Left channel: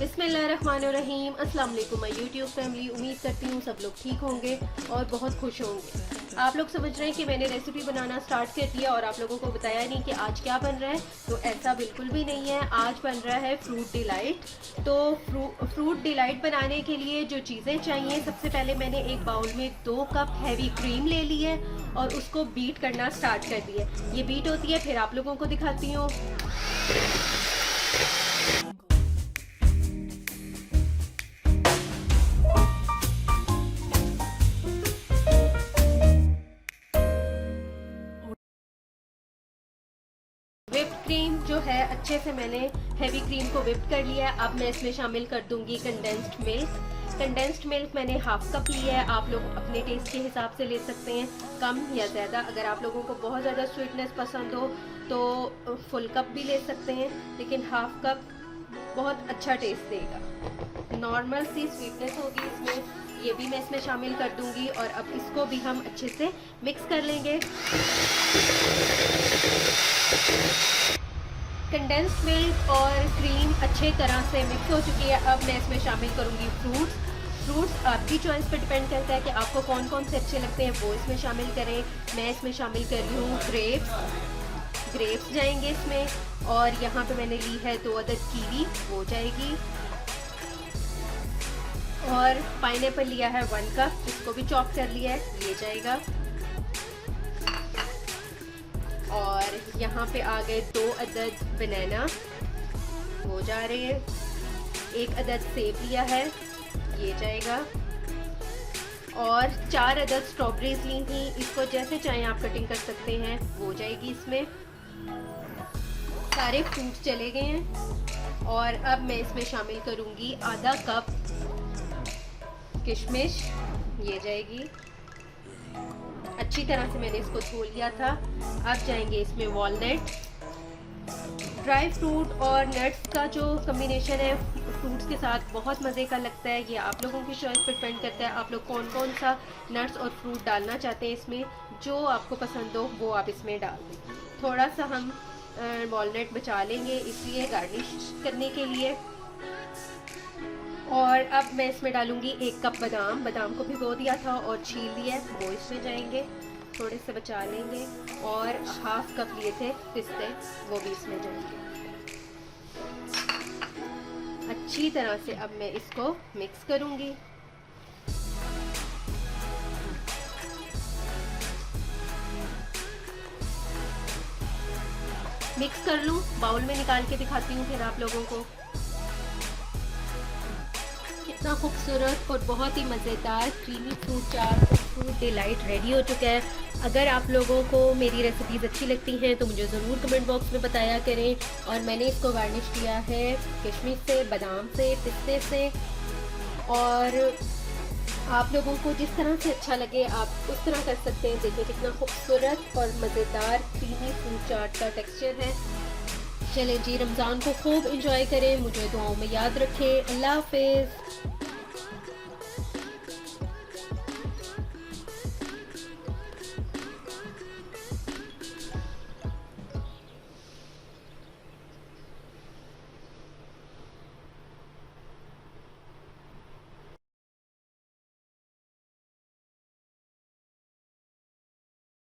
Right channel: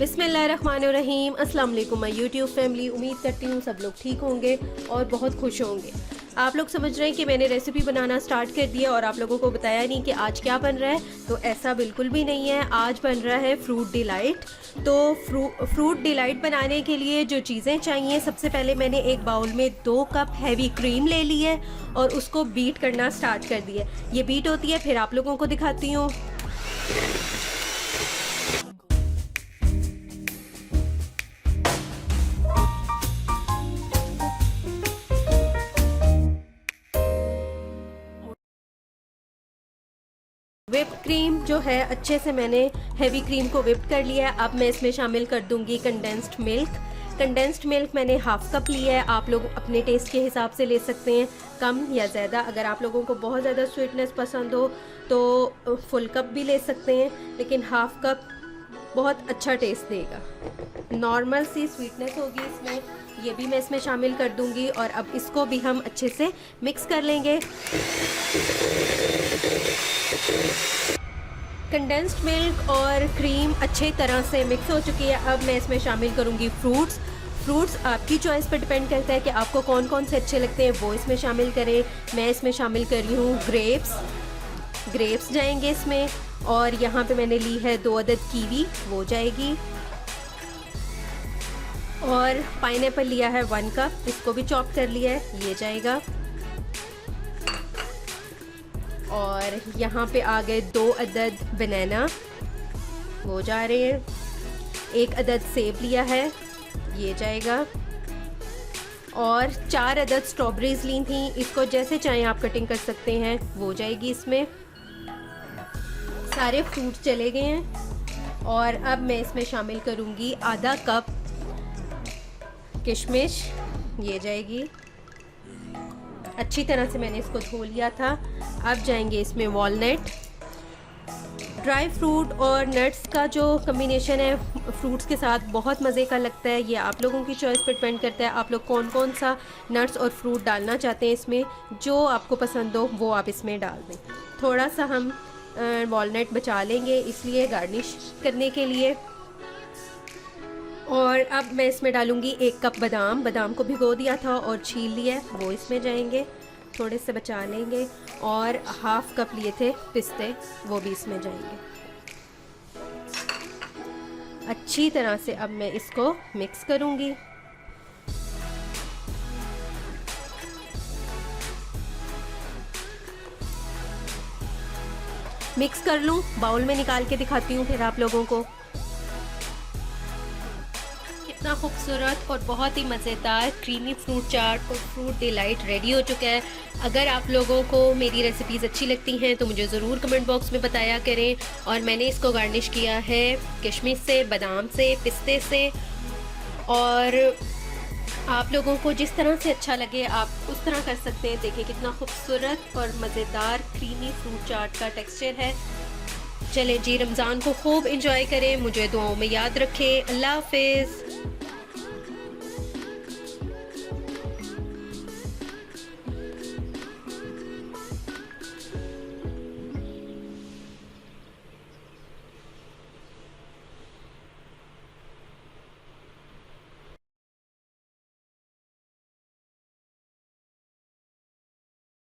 बिस्मिल्लाहिर्रहमानिर्रहीम। अस्सलाम वालेकुम माय यूट्यूब फैमिली। उम्मीद करती हूँ सब लोग ठीक होंगे और बहुत खुश होंगे। आप लोग समझ रहे हैं कि मैंने रेसिपी बनाना स्टार्ट कर दिया और आप लोगों को बताया नहीं कि आज क्या बन रहा है, तो ऐसा बिल्कुल भी नहीं है। आज बन रहा है फ्रूट डिलाइट। तो फ्रूट डिलाइट बनाने के लिए जो चीज़ें चाहिए, सबसे पहले मैंने एक बाउल में 2 कप हैवी क्रीम ले ली है और उसको बीट करना स्टार्ट कर दिया। ये बीट होती है, फिर आप लोगों को दिखाती हूँ। व्हिप क्रीम जो है, अच्छे से मैंने हेवी क्रीम को व्हिप कर लिया है। अब मैं इसमें शामिल कर दूंगी कंडेंस्ड मिल्क। कंडेंस्ड मिल्क मैंने हाफ कप लिया है। आप लोग अपने टेस्ट के हिसाब से ले सकते हैं, कम या ज़्यादा। अगर आप लोगों को बहुत ज़्यादा स्वीटनेस पसंद हो तो फुल कप भी ले सकते हैं, लेकिन हाफ कप बहुत अच्छा टेस्ट देगा। नॉर्मल सी स्वीटनेस होगी इसमें, ये भी मैं इसमें शामिल कर दूंगी। और अब इसको भी हम अच्छे से मिक्स कर लेंगे। कंडेंस्ड मिल्क और क्रीम अच्छे तरह से मिक्स हो चुकी है। अब मैं इसमें शामिल करूंगी फ्रूट्स आपकी चॉइस पर डिपेंड करता है कि आपको कौन कौन से अच्छे लगते हैं, वो इसमें शामिल करें। मैं इसमें शामिल कर रही हूँ ग्रेप्स जाएंगे इसमें। और यहाँ पे मैंने ली है 2 अदद कीवी, वो जाएगी। और पाइनएप्पल लिया है 1 कप, इसको भी चॉप कर लिया है, ये जाएगा। और यहाँ पे आ गए 2 अदद बनाना, वो जा रहे हैं। 1 अदद सेब लिया है, ये जाएगा। और 4 अदद स्ट्रॉबेरीज ली थी, इसको जैसे चाहें आप कटिंग कर सकते हैं, वो जाएगी इसमें। सारे फ्रूट चले गए हैं। और अब मैं इसमें शामिल करूँगी आधा कप किशमिश, ये जाएगी। अच्छी तरह से मैंने इसको धो लिया था। अब जाएंगे इसमें वॉलनट। ड्राई फ्रूट और नट्स का जो कम्बिनेशन है फ्रूट्स के साथ बहुत मज़े का लगता है। ये आप लोगों की चॉइस पर डिपेंड करता है, आप लोग कौन कौन सा नट्स और फ्रूट डालना चाहते हैं इसमें। जो आपको पसंद हो वो आप इसमें डाल दें। थोड़ा सा हम वॉलनट बचा लेंगे इसलिए, गार्निश करने के लिए। और अब मैं इसमें डालूंगी 1 कप बादाम को भिगो दिया था और छील लिया है, वो इसमें जाएंगे। थोड़े से बचा लेंगे। और हाफ कप लिए थे पिस्ते, वो भी इसमें जाएंगे। अच्छी तरह से अब मैं इसको मिक्स करूंगी। मिक्स कर लूं, बाउल में निकाल के दिखाती हूँ फिर आप लोगों को। कितना खूबसूरत और बहुत ही मज़ेदार क्रीमी फ्रूट चाट और फ्रूट डिलाइट रेडी हो चुका है। अगर आप लोगों को मेरी रेसिपीज़ अच्छी लगती हैं तो मुझे ज़रूर कमेंट बॉक्स में बताया करें। और मैंने इसको गार्निश किया है किशमिश से, बादाम से, पिस्ते से। और आप लोगों को जिस तरह से अच्छा लगे आप उस तरह कर सकते हैं। देखिए कितना खूबसूरत और मज़ेदार क्रीमी फ्रूट चाट का टेक्सचर है। चलें जी, रमज़ान को खूब इंजॉय करें, मुझे दुआओं में याद रखें। अल्लाह हाफिज़।